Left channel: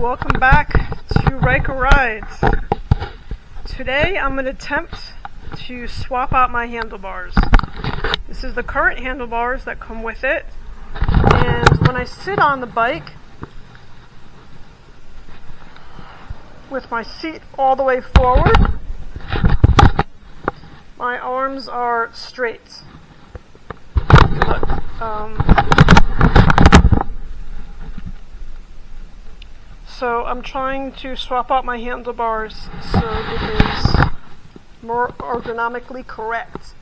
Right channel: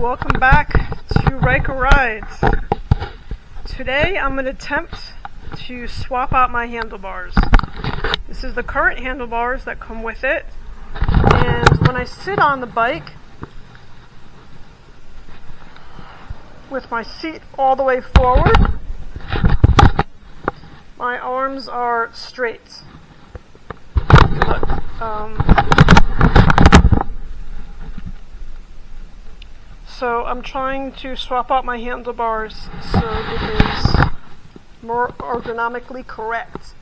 welcome back to Ryker Rides. Today I'm going to attempt to swap out my handlebars. This is the current handlebars that come with it, and when I sit on the bike with my seat all the way forward, my arms are straight. So I'm trying to swap out my handlebars so it is more ergonomically correct.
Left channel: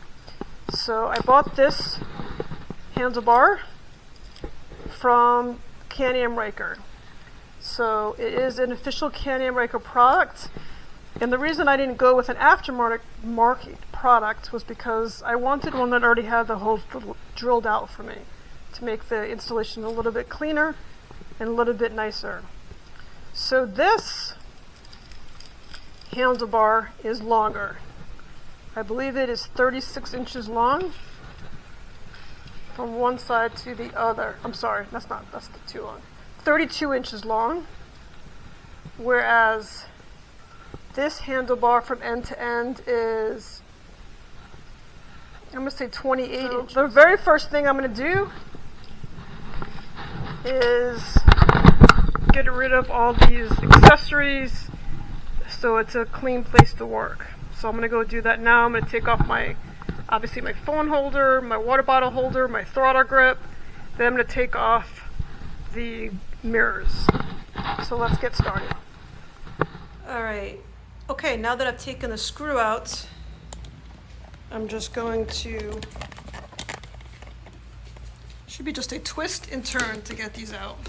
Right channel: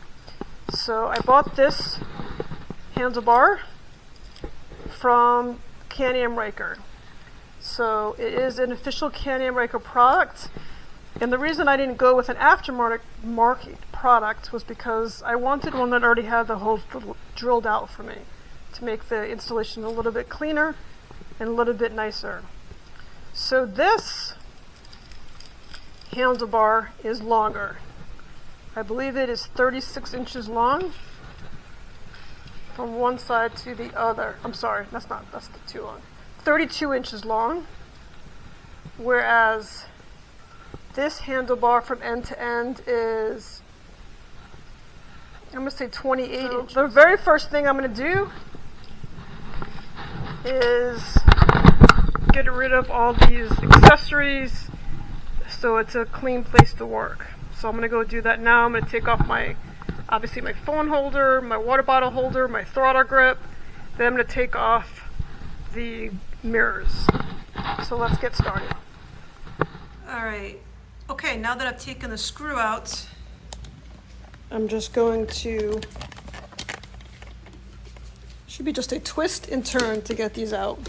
So I bought this handlebar from Can-Am Ryker. So it is an official Can-Am Ryker product. And the reason I didn't go with an aftermarket product was because I wanted one that already had the holes drilled out for me to make the installation a little bit cleaner and a little bit nicer. So this handlebar is longer. I believe it is 36 inches long from one side to the other. I'm sorry, that's too long. 32 inches long, whereas this handlebar from end to end is, I'm going to say 28 inches. The very first thing I'm going to do is get rid of all these accessories so it's a clean place to work. So I'm going to go do that now. I'm going to take off obviously my phone holder, my water bottle holder, my throttle grip. Then I'm going to take off the mirrors. So let's get started. Alright, okay, now that I've taken the screw out, I'm just going to, should be just a twist and turn to get these out.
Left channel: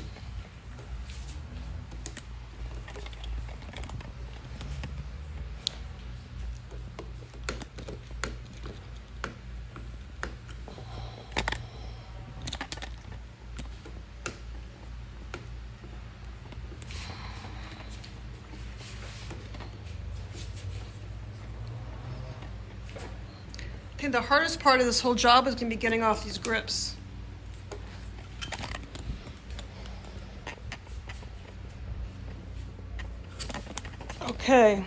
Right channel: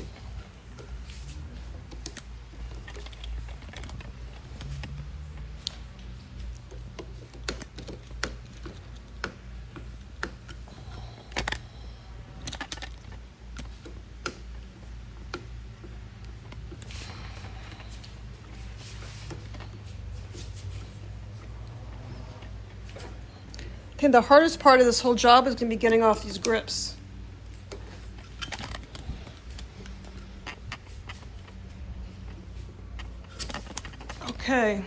I think the hardest part of this whole job is going to be getting off these grips. Okay.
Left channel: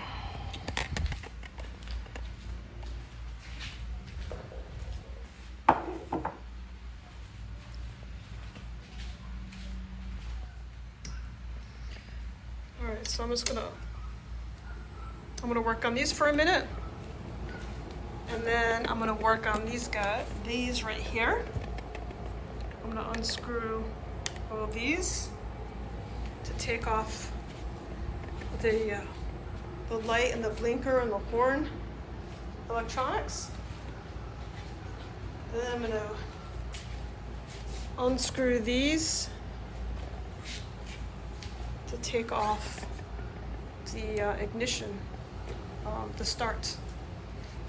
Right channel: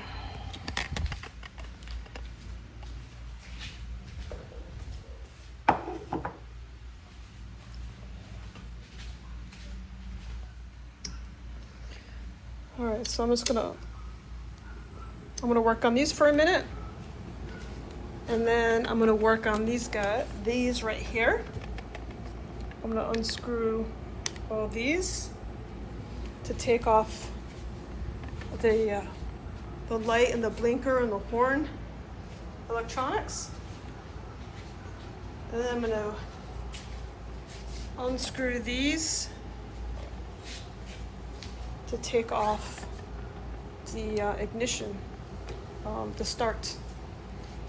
All right, so I'm gonna work on these for a minute. And then I'm going to work on these right here. I'm going to unscrew all these to take off the light and the blinker and the horn electronics. And then I'm going to unscrew these to take off the ignition, the start.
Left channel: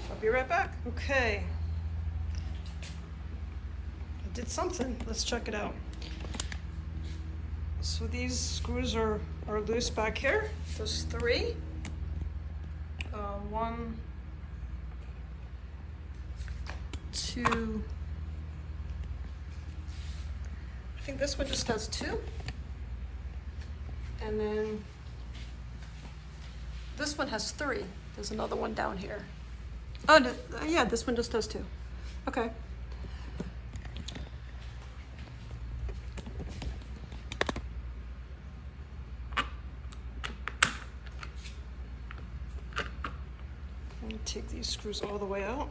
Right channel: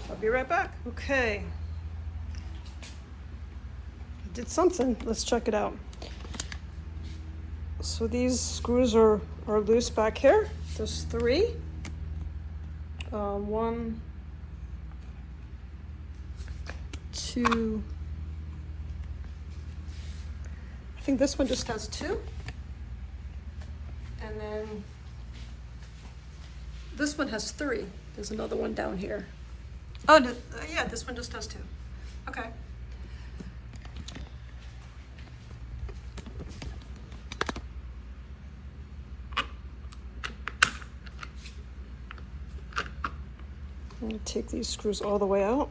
I'll be right back. Okay. I did something. Let's check it out. So these screws are loose back here. There's 3. 1, 2. I think this one just has 2. And then this one has 3. There's another one down here. Oh, yeah, this one just does 2. Okay. I'm going to take these screws all the way out.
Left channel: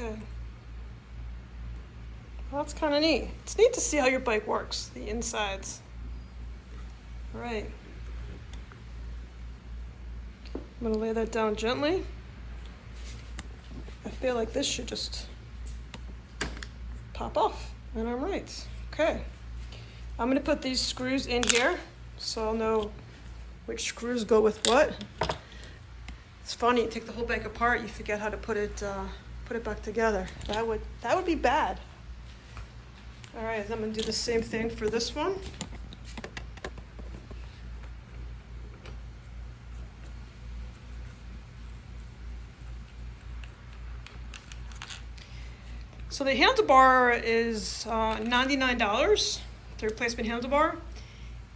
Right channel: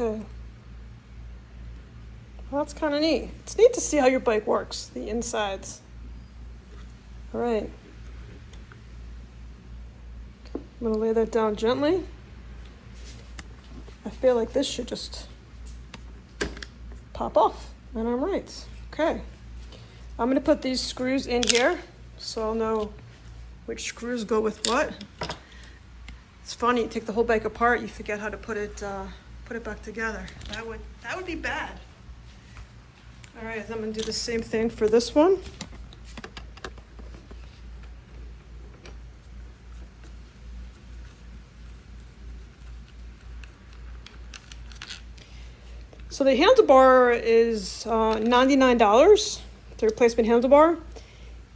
Okay. Well, that's kind of neat. It's neat to see how your bike works, the insides. All right. I'm going to lay that down gently. I feel like this should just pop off, and I'm right. Okay. I'm going to put these screws in here so I'll know which screws go with what. It's funny, you take the whole bike apart, you forget how to put it back together. That would be bad. All right, I'm gonna do the same thing for this one. So the handlebar is $99, the replacement handlebar.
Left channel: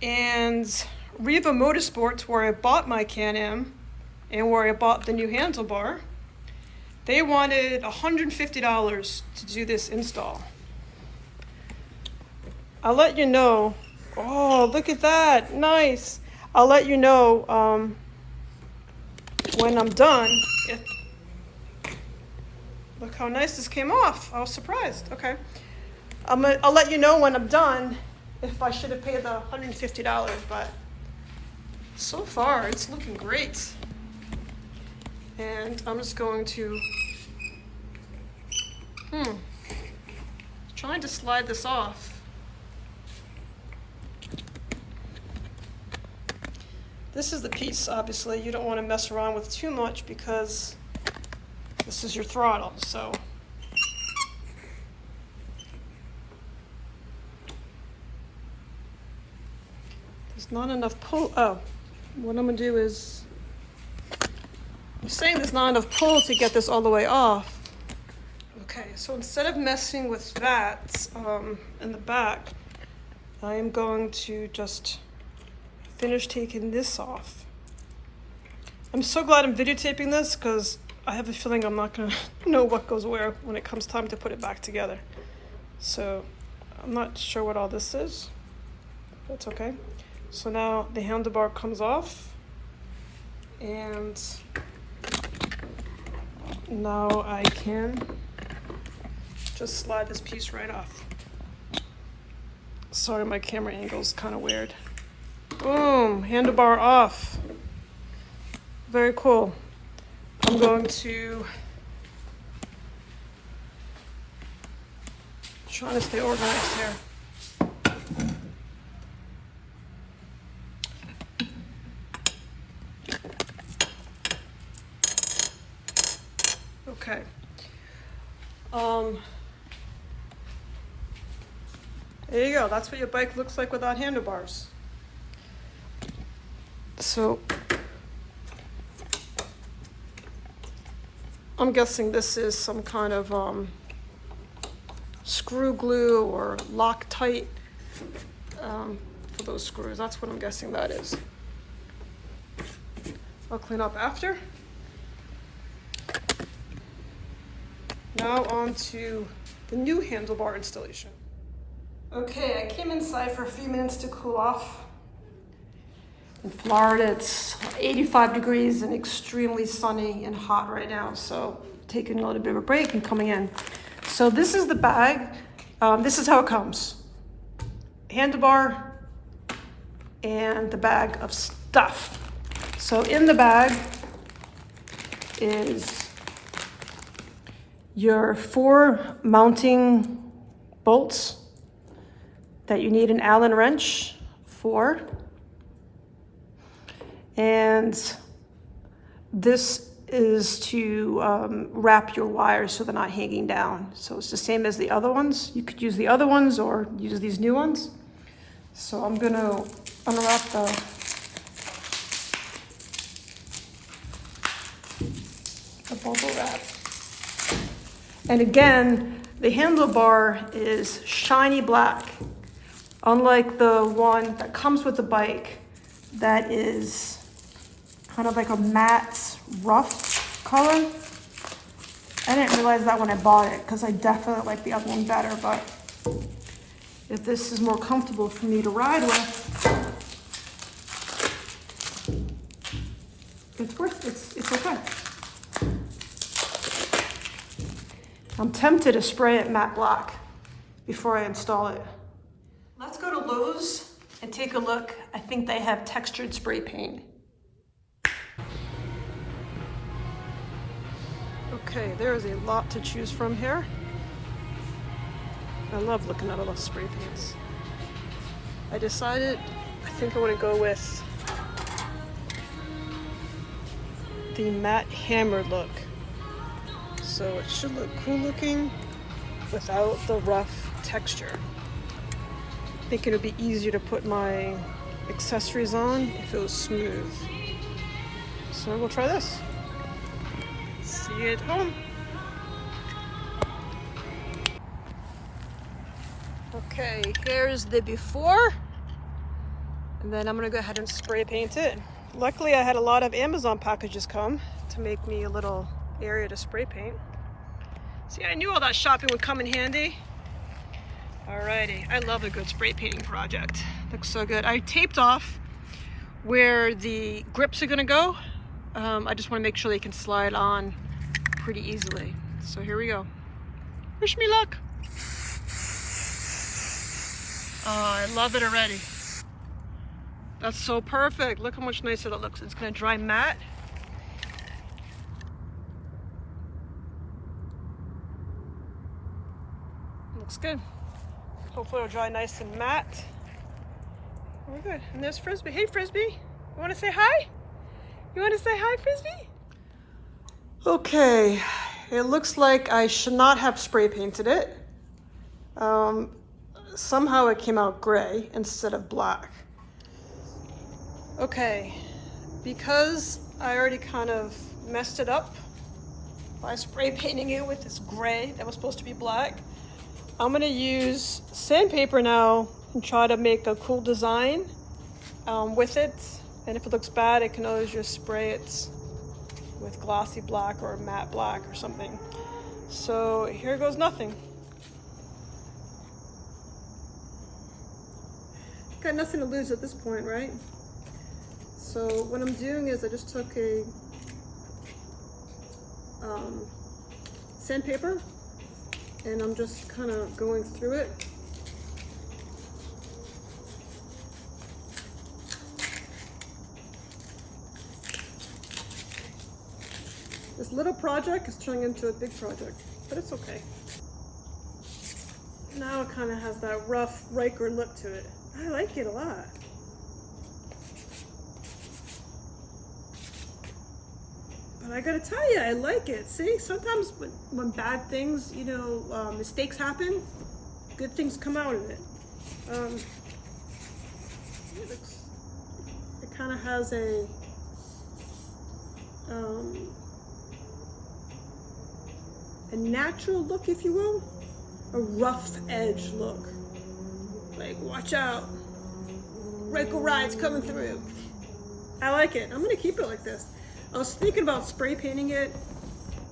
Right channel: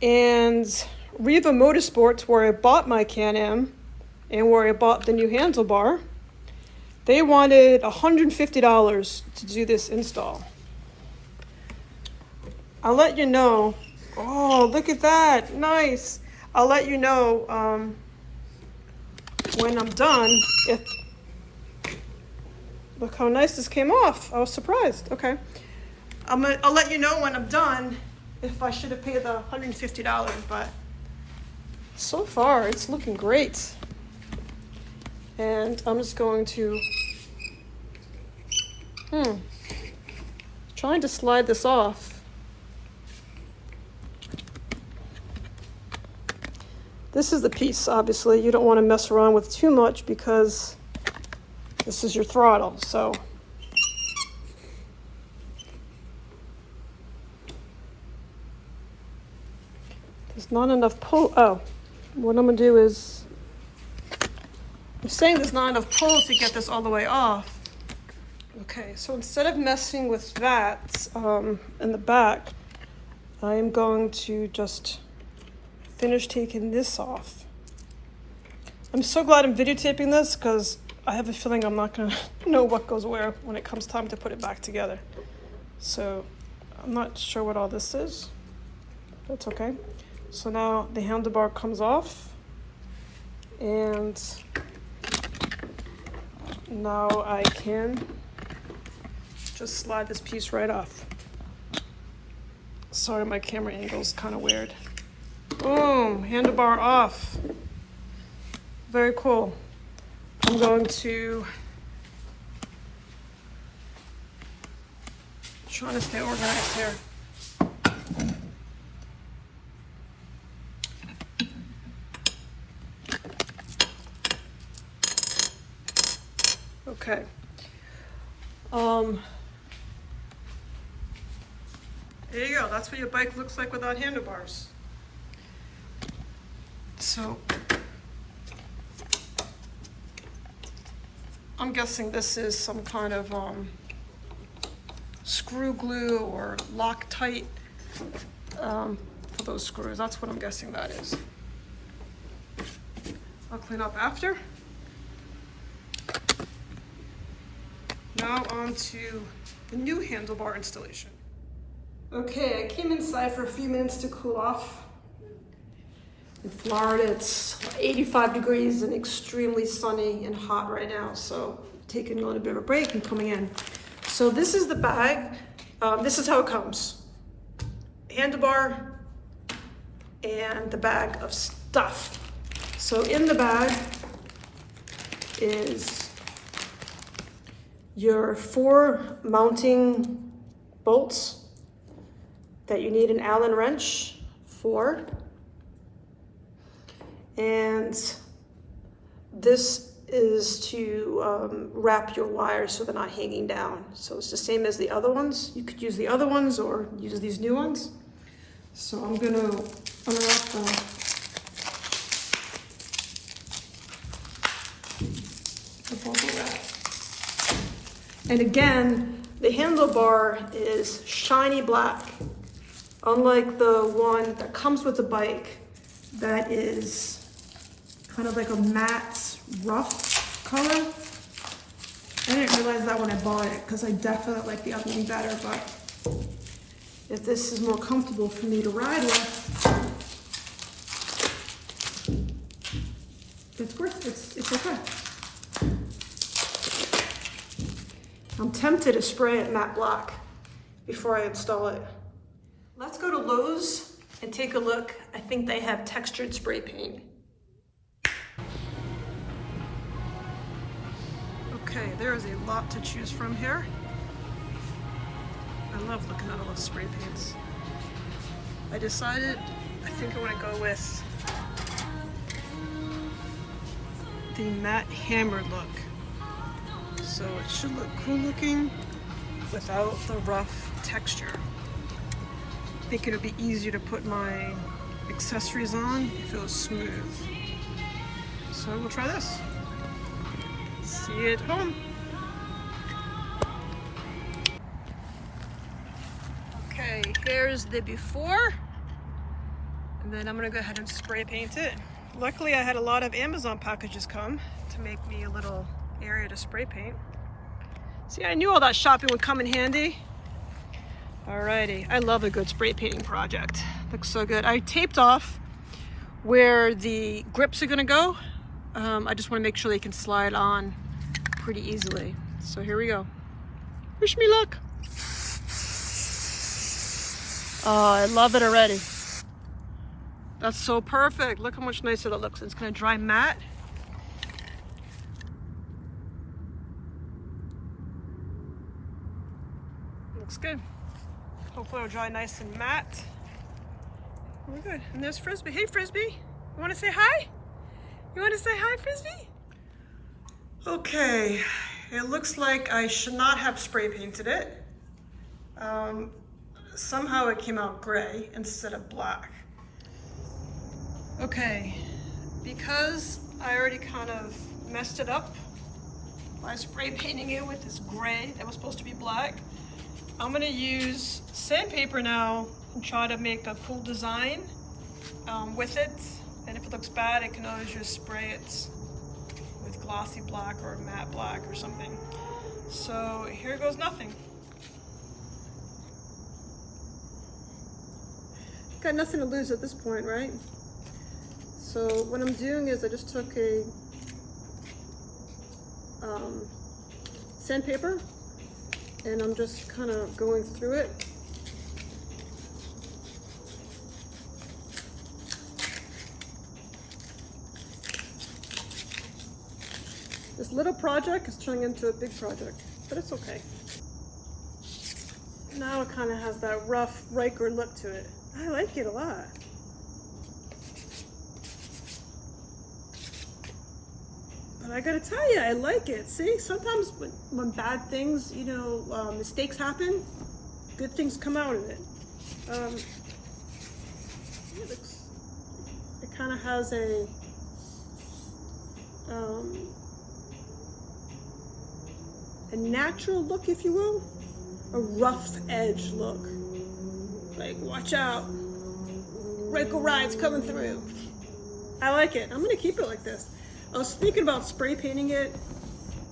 And Riva Motorsports, where I bought my Can-Am and where I bought the new handlebar, they wanted $150 to do this install. I'll let you know. Oh, look at that, nice. I'll let you know when I'm done. Look how nice this came off. I was surprised. Okay. I'll let you know when I'm done if I should have paid the $150, but so far it's looking great. And I'm just going to, trying to slide this off. This is the piece, obviously, you don't want to mess around with too much because this is your throttle, so. There's not enough pull. Oh, what I'm gonna do is, I'm saying there's not enough pull to get this all the way off. Okay, so instead of messing with that in the back, I am going to just finish taking this off. I'm so glad I'm videotaping this because I have a feeling I'm not gonna know what goes where when it comes time to put it back together. So I'm not sure what all this is. That's okay. So now the handlebar comes off, and now I can just slide this piece right off. Sorry, my camera angle is kind of weird. Boom, handlebar off. Very cool. I'm going to try to stay organized here. Okay. There you go. That's what your bike looks like without handlebars. So I'm guessing this is some kind of screw glue or Loctite for those screws. That's what I'm guessing that is. I'll clean up after. Now on to the new handlebar installation. Okay, I came inside for a few minutes to cool off. In Florida, it's 85 degrees and extremely sunny and hot right now, so taking a little bit of a break and coming in. So this is the bag. This is how it comes. Handlebar and the bag of stuff. So in the bag is your 4 mounting bolts that you need an Allen wrench for. And this is to wrap your wires so they're not hanging down. So it's the same as the other ones. You could use the other ones or use these new ones. So I'm gonna unwrap the bubble wrap. And again, the handlebar is shiny black, unlike the one that comes with the bike that is kind of like a matte, rough color. I didn't realize that when I bought it because I definitely like the other one better, but if this is more comfortable for me to ride with, it's okay. I'm tempted to spray it matte black before I install it. Let's go to Lowe's and take a look. I think they have textured spray paint. Okay, there is a lot to choose from here. I love looking at all the spray paints. I decided, I think I want to go with the matte hammer look. So it should look cool looking without the rough texture. I think it would be easier to put my accessories on if it was smooth. So we'll try this. See you at home. Okay, there's the before. And then I'm gonna go ahead and spray paint it. Luckily I had a lot of Amazon packages come to make me a little area to spray paint. See, I knew all that shopping would come in handy. Alrighty, I love a good spray painting project. Looks so good. I taped off where the grips are gonna go. I just wanna make sure they can slide on pretty easily. So here we go. Wish me luck. Oh, I love it already. That's so perfect. Look how much nicer that looks. It's gonna dry matte. Looks good. Hopefully it'll dry nice and matte. We're good. And there's Frisbee. Hey Frisbee, you wanna say hi? You wanna say hi, Frisbee? Okay, it looks like I should not have spray painted it. Somehow it came out gray instead of black. Okay, because I already kind of messed it up by spray painting it with this gray that was supposed to be black, I'm gonna use sandpaper now and try to make a cool design with it. And if it looks bad, I can always just spray it with glossy black or matte black or something. So here goes nothing. Got nothing to lose at this point, right? So what I'm doing is I just took a sandpaper and I'm just kind of going through it. This little project is turning into a big project, but it's okay. Now it kind of has that rough Ryker look to it. I like it a lot. But I gotta tell you, I like it. See, sometimes when bad things, you know, mistakes happen, good things come out of it. It kind of has a natural look, if you will, a rough edge look. Like, watch out, Ryker ride's coming through. I like it. I'm gonna keep it like this. I was thinking about spray painting it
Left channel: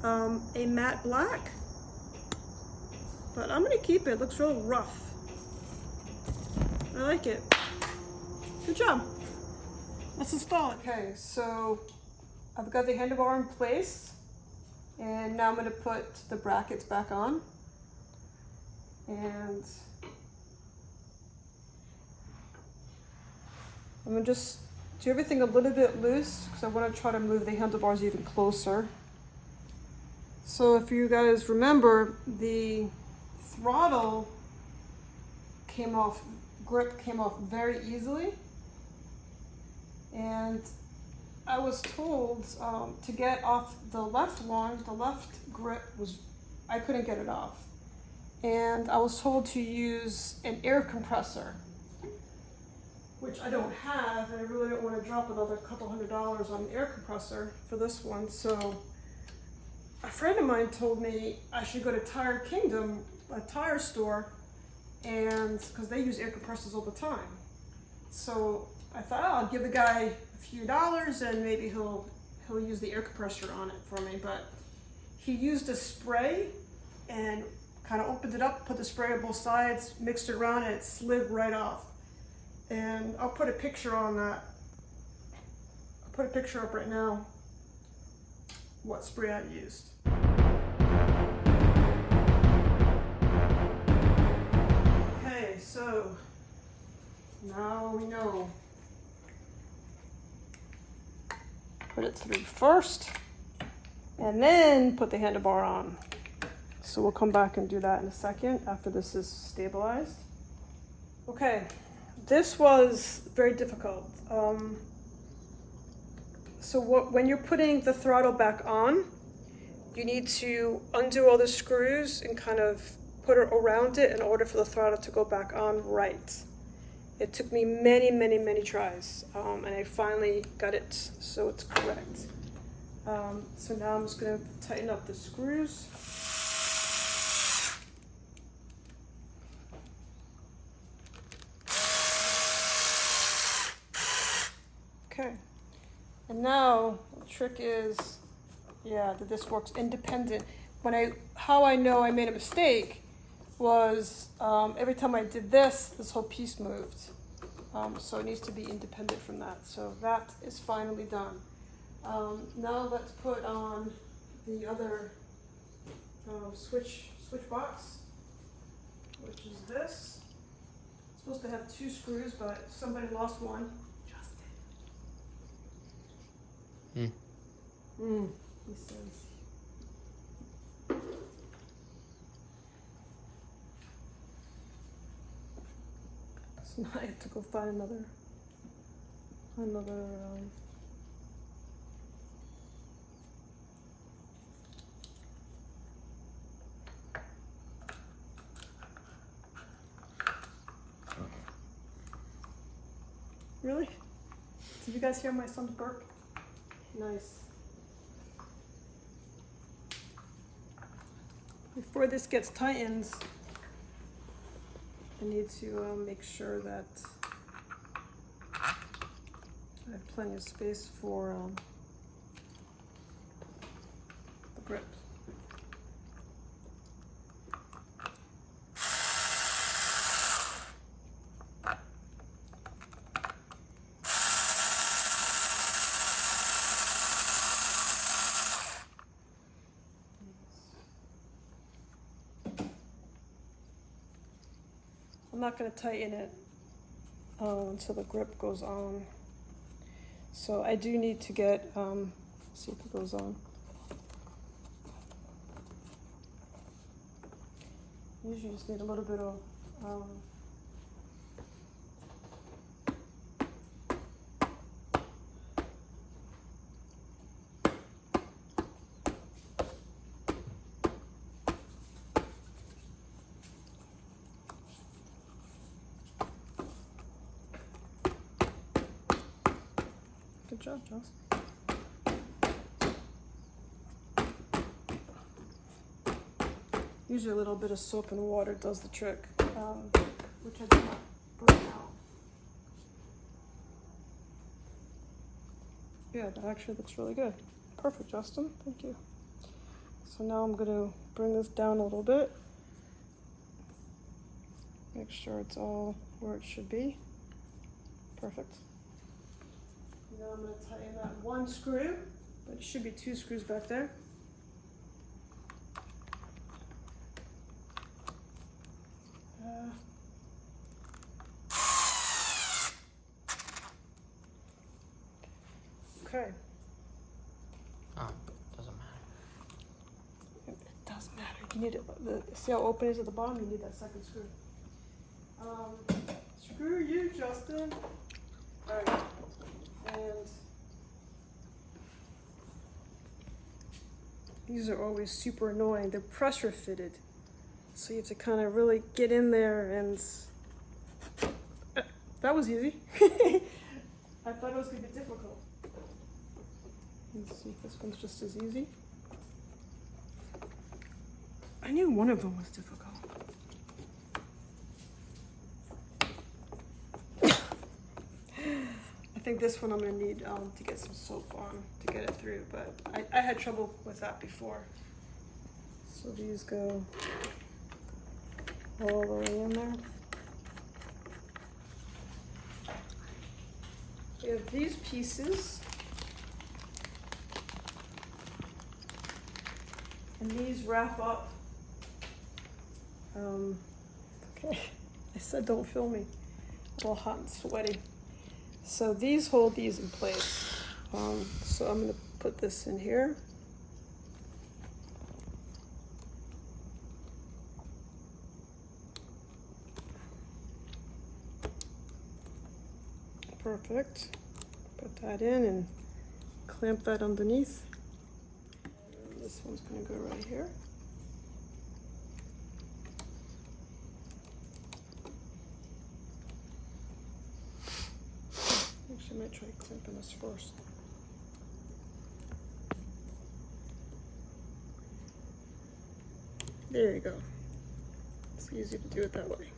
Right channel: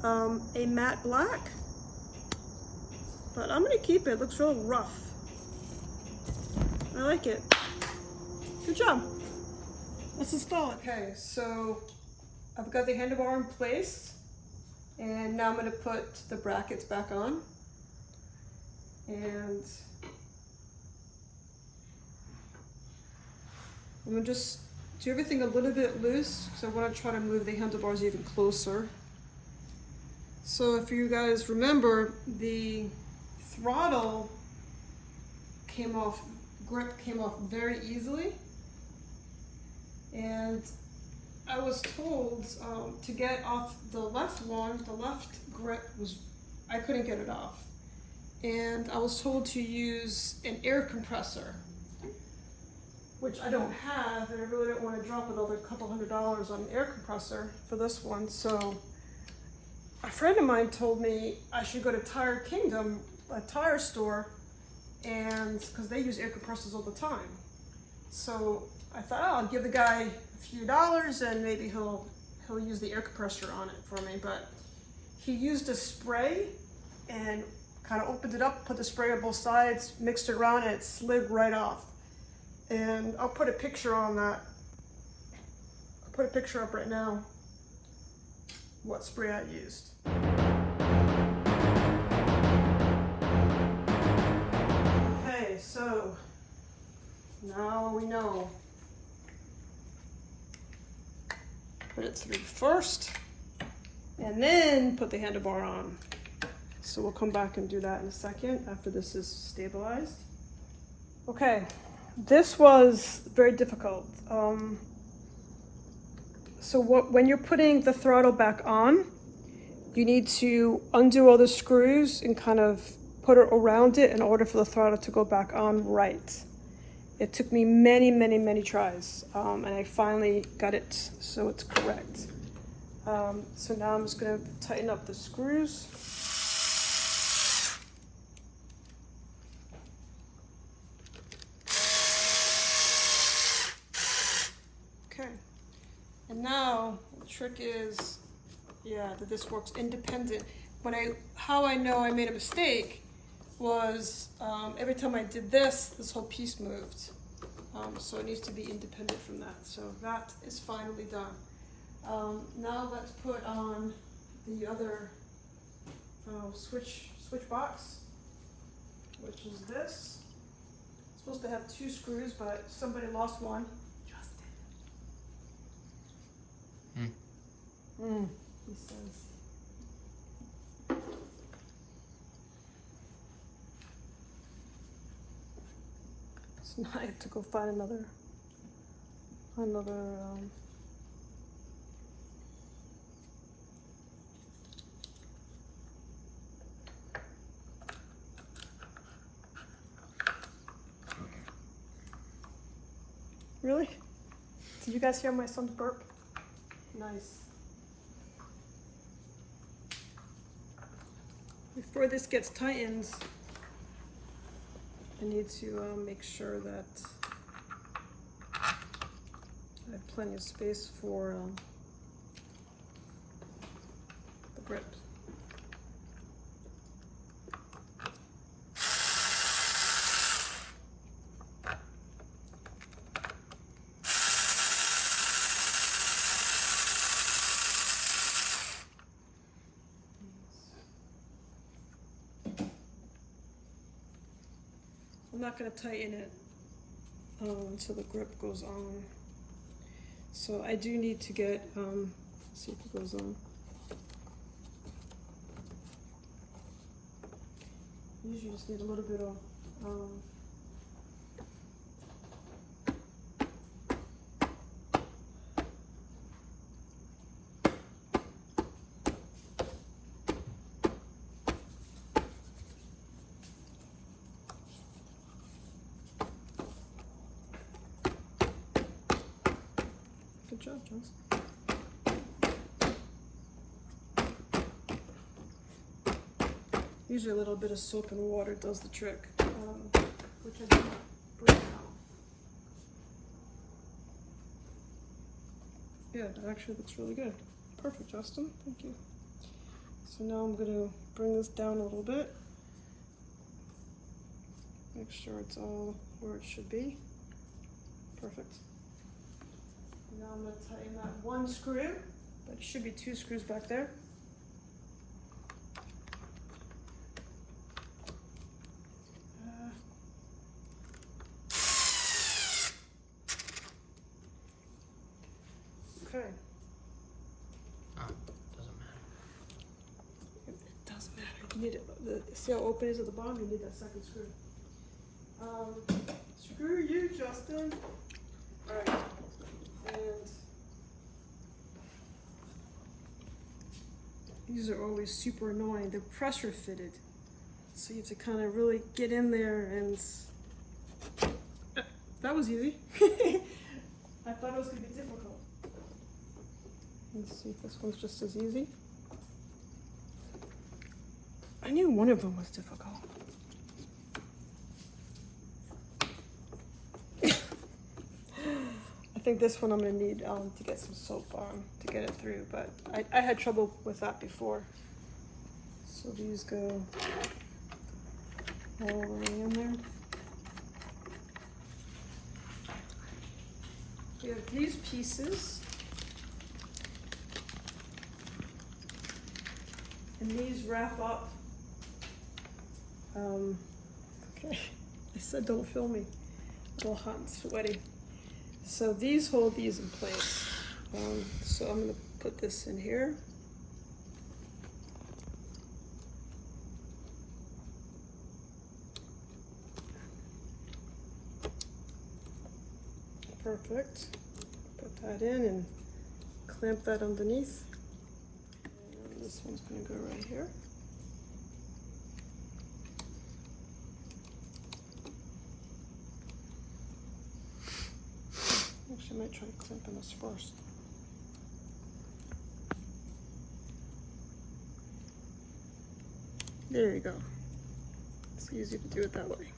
a matte black, but I'm gonna keep it. It looks real rough. I like it. Good job. Let's install it. Okay, so I've got the handlebar in place, and now I'm gonna put the brackets back on. And I'm gonna just do everything a little bit loose because I want to try to move the handlebars even closer. So if you guys remember, the throttle grip came off very easily, and I was told to get off the left one, the left grip I couldn't get it off. And I was told to use an air compressor, which I don't have, and I really don't want to drop another couple $100 on an air compressor for this one. So a friend of mine told me I should go to Tire Kingdom, a tire store, and because they use air compressors all the time. So I thought, oh, I'll give the guy a few dollars and maybe he'll use the air compressor on it for me. But he used a spray and kind of opened it up, put the spray on both sides, mixed it around, and it slid right off. And I'll put a picture on that. I'll put a picture up right now what spray I used. Okay, so now we know. Put it through first and then put the handlebar on. So we'll come back and do that in a second after this is stabilized. Okay, this was very difficult. So when you're putting the throttle back on, you need to undo all the screws and kind of put it around it in order for the throttle to go back on right. It took me many, many, many tries, and I finally got it so it's correct. So now I'm just going to tighten up the screws. Okay, and now the trick is, yeah, that this works independent. How I know I made a mistake was every time I did this whole piece moved. So it needs to be independent from that. So that is finally done. Now let's put on the other switch box, which is this. It's supposed to have 2 screws, but somebody lost one. Justin. He says. So now I have to go find another. Really? Did you guys hear my son's burp? Nice. Before this gets tightened, I need to make sure that I have plenty of space for the grip. I'm not going to tighten it until the grip goes on. So I do need to get, see if it goes on. Usually just need a little bit of good job, Joss. Usually a little bit of soap and water does the trick, which I did not bring out. Yeah, that actually looks really good. Perfect, Justin. Thank you. So now I'm going to bring this down a little bit. Make sure it's all where it should be. Perfect. Now I'm going to tighten that 1 screw, but it should be 2 screws back there. Okay. Doesn't matter. It does matter. You need it. See how open it is at the bottom? You need that 2nd screw. Screw you, Justin. All right. And these are always super annoying. They're pressure fitted, so you have to kind of really get in there, and that was easy. I thought it was going to be difficult. Let's see if this one's just as easy. I knew one of them was difficult. I think this one I'm going to need to get some soap on to get it through, but I had trouble with that before. So these go all the way in there. We have these pieces, and these wrap up. Okay, I said don't film me. I'm all hot and sweaty. So these hold these in place. So I'm going to put this in here. Perfect. Put that in and clamp that underneath. This one's gonna go right here. Actually, I might try clamping this first. There you go. It's easy to do it that way.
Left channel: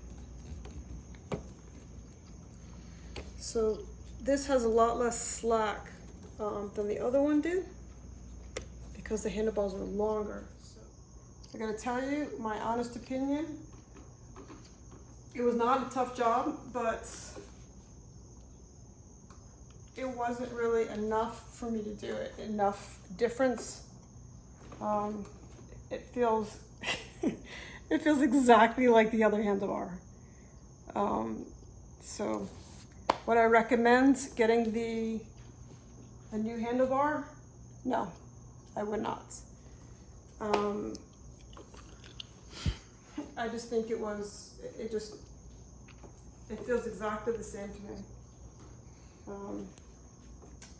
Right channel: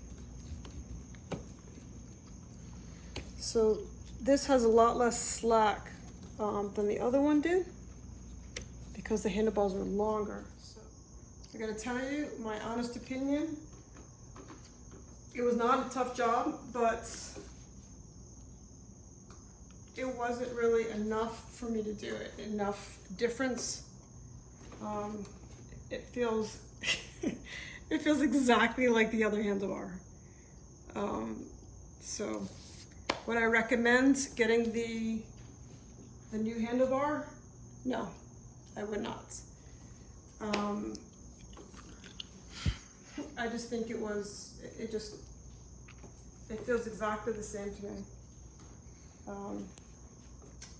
So this has a lot less slack than the other one did because the handlebars are longer. So I gotta tell you, my honest opinion, it was not a tough job, but it wasn't really enough for me to do it. Enough difference. It feels it feels exactly like the other handlebar. So would I recommend getting a new handlebar? No, I would not. I just think it feels exactly the same to me.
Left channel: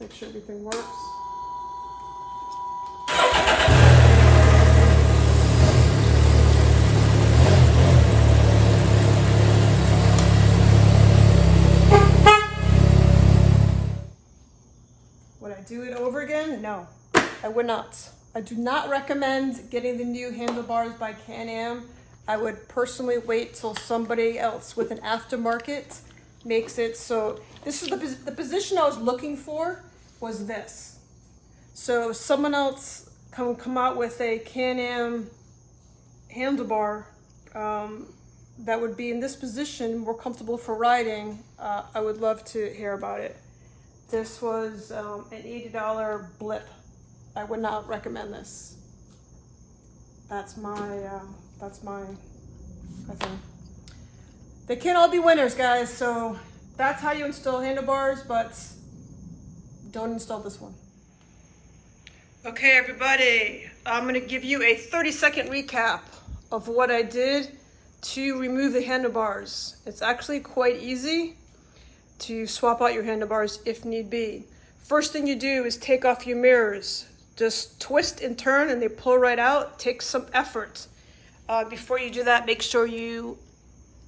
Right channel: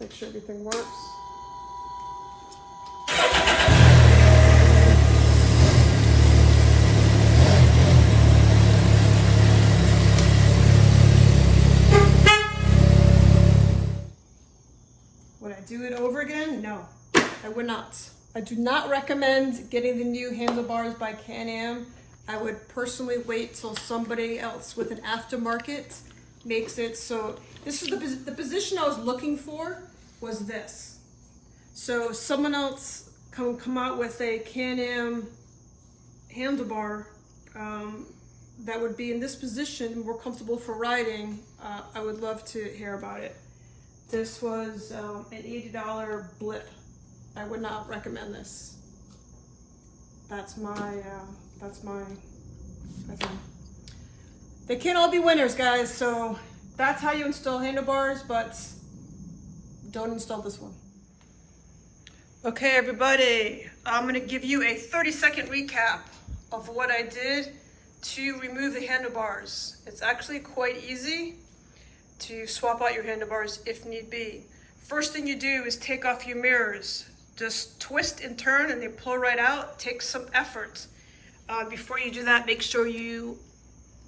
Make sure everything works. Would I do it over again? No, I would not. I do not recommend getting the new handlebars by Can-Am. I would personally wait till somebody else with an aftermarket makes it. So this is the position I was looking for was this. So someone else come out with a Can-Am handlebar that would be in this position, more comfortable for riding. I would love to hear about it. This was an $80 blip. I would not recommend this. That's my thing. They can't all be winners, guys. So that's how you install handlebars, but don't install this one. Okay, everybody, I'm gonna give you a 30-second recap of what I did to remove the handlebars. It's actually quite easy to swap out your handlebars if need be. First thing you do is take off your mirrors. Just twist and turn and they pull right out. Take some effort. Before you do that, make sure you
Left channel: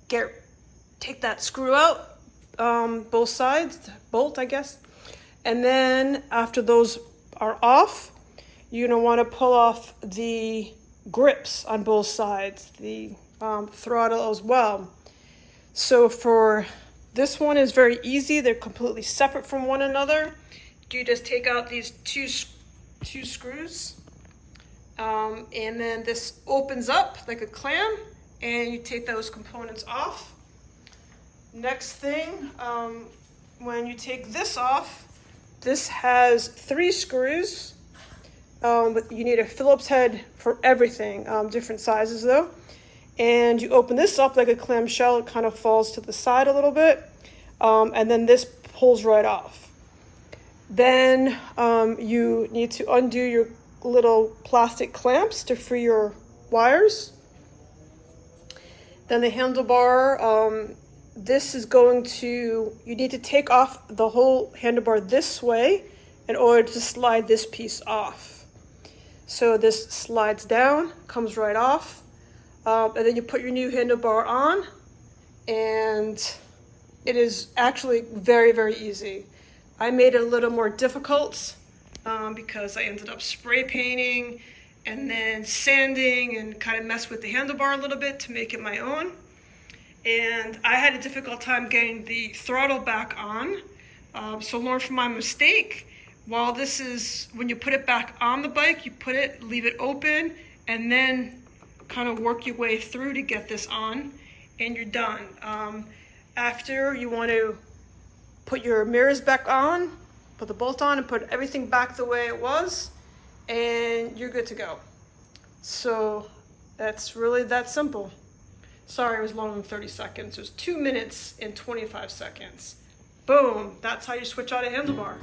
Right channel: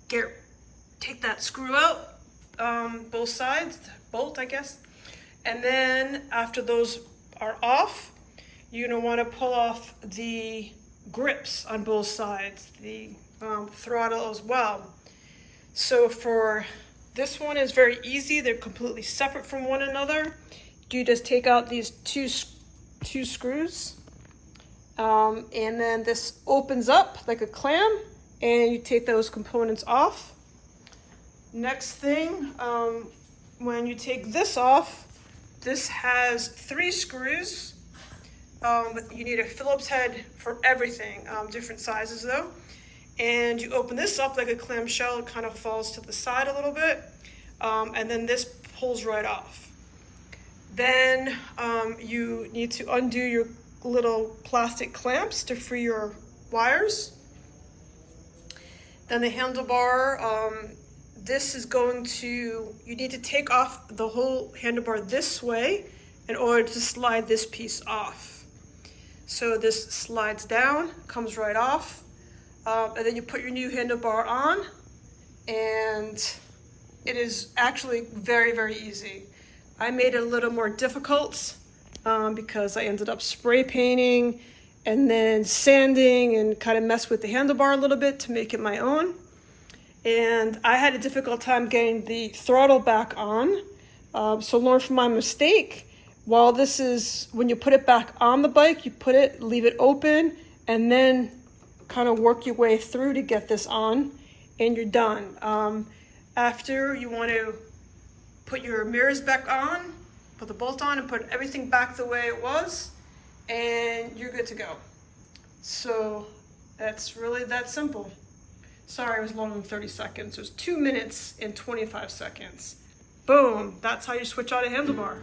take that screw out, both sides, bolt I guess. And then after those are off, you're gonna wanna pull off the grips on both sides, the throttle as well. So for this one is very easy. They're completely separate from one another. You just take out these two screws, and then this opens up like a clam, and you take those components off. Next thing, when you take this off, this has 3 screws, but you need a Phillips head for everything, different sizes though. And you open this up like a clamshell, it kind of falls to the side a little bit, and then this pulls right off. Then you need to undo your little plastic clamps to free your wires. Then the handlebar, this is going to, you need to take off the whole handlebar this way in order to slide this piece off. So this slides down, comes right off. And then you put your new handlebar on, and it is actually very, very easy. I made it a little more difficult because I ended up spray painting and then sanding and kind of messed with the handlebar a little bit to make it my own. And I had a difficult time getting the throttle back on. So learn from my mistake. While this is, when you put it back on the bike, you leave it open, and then kind of work your way through to get this on, and you're done. After, you want to put your mirrors back on, put the bolt on, and put everything back the way it was, and you're good to go. So that's really that simple. Sorry, it was longer than 30 seconds. It was 2 minutes and 25 seconds. Boom, that's how you switch out a handlebar.